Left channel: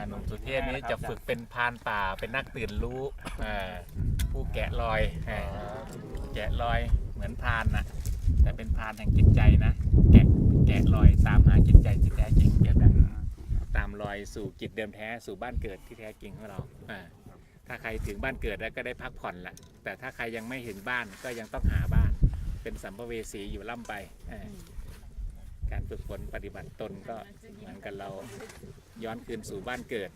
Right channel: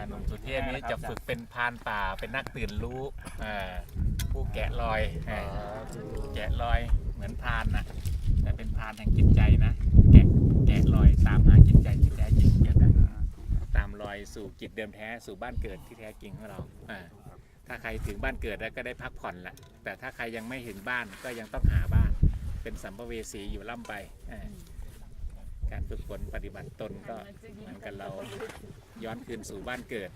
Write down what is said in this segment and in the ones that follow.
าหนุ่มสุเทพนี้จะฝึกเป็นพรานป่าเป็นนักตื่นรู้อ่าผู้แกะรอยอ่าแกะรอยเหมือนพรานนะแต่เป็นพรานแห่งจิตใจนะ แกะแกะรอยตามหาจิตใจที่แท้จริงเปรียบดังตามรอยสู่จิตเดิมแท้สู่บ้านเกิดที่แท้จริงของเราอ่าถ้าใครถึงบ้านเกิดแล้วก็ได้พักผ่อนแหละแต่ถ้าใครยังไม่เห็นบ้านก็ยังต้องหาบ้าน เป็นสัมภเวสีอยู่ล่ำไปอ่าการฝึกฝนปฏิบัติตนก็เหมือนกันเรา ย้อนคืนสู่บ้านเกิด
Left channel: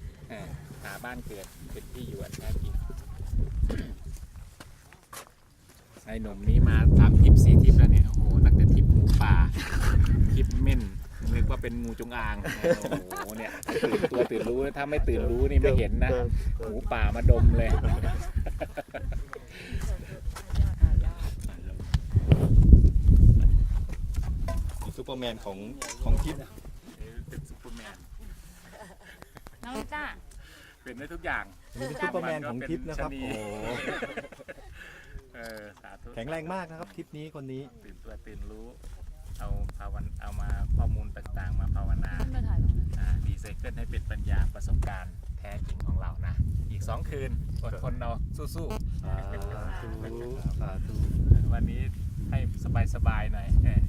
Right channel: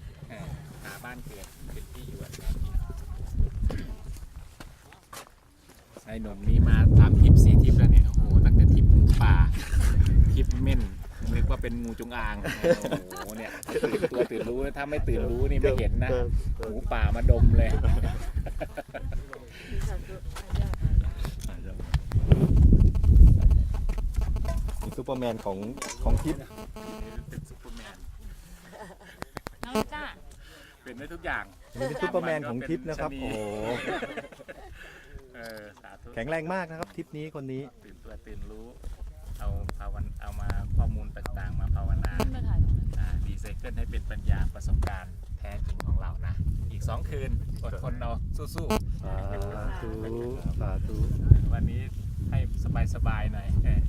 หาบ้านเกิดเป็นที่อยู่อันแท้จริงไอ้หนุ่มนี้มาตามทริปสี่ทริปแล้วเนี่ย โอ้โห ตั้งแต่ทริปหมูป่าทริปเม่นนึกว่าเป็นงูจงอาง โอ้โห เนี่ยตื่นตัวตื่นรู้ ถ้าไม่ตื่นรู้นี่ไม่เห็นนะ หมูป่ามาดมเลย ซูเปอร์แมนของของทิพย์ เป็นซูเปอร์แมน น้องจ้า เป็นได้ทุกอย่างนี่เป็นซูเปอร์แมนของทิพย์นะครับเป็นชะนีโอ้โห เออสาธุแข็งแรงมากนะครับทิพย์นี้คนนี้ ตื่นตัวตื่นรู้ เอาภาวันเอามาข้อมูลต่างๆ มาภาวนาขึ้นมาถ่ายตรงนั้นอ่าดีไซเคิลให้เป็นปัญญาประสบการณ์แท้จริงของเรานะ อีก 2 คืน อดทนเราสู้สาธุสาธุๆ วันนี้ให้สบายๆหน่อยเออ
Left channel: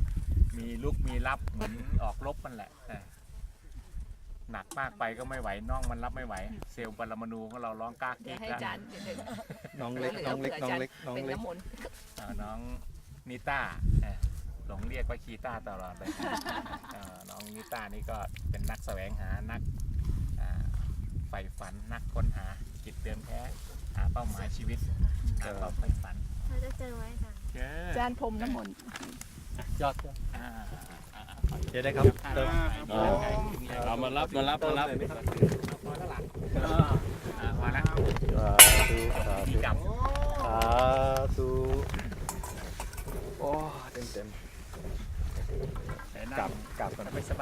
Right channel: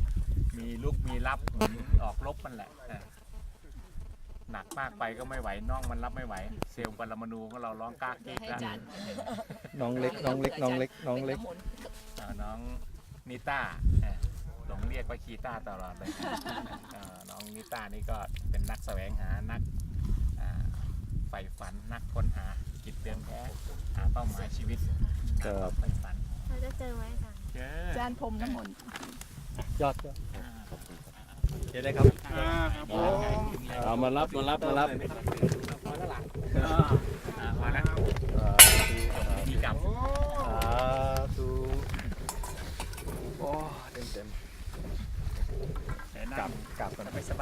มีลุกมีรับเหมือนออกรบมันแหละเออ หนักมากไปก็ไม่ไหวน่องมันรับไม่ไหว เซลล์ปรมาณูของเราร้องกากเดี๋เก๊ยวกให้แล้วจานน้องเล็กน้องเล็กน้องเล็กน้องเป็นเล็กน้ำมนต์อ่าน้องนิต้าเอ่อหลงเรียกว่าคีต้าตลอดเลยอ่าน้องนิต้านี่ก็เป็นนักแสวงหานักอ่าใฝ่ฝันนักค้นหาจิตเดิมแท้หาเป้าหมายชีวิตหาความใฝ่ฝันเราจะเจอไว้ค่ะเจอจานพรมน้ำมนต์ยอดอ่าเดี๋ยวได้ครับเอามารับมารับมารับพอแล้วล่ะอ่าพอแล้วสาธุสามีธุกรรมสาธุโอ้เต็มเต็มแต่ๆนั่กลับงกลับก่อนไม่สบาย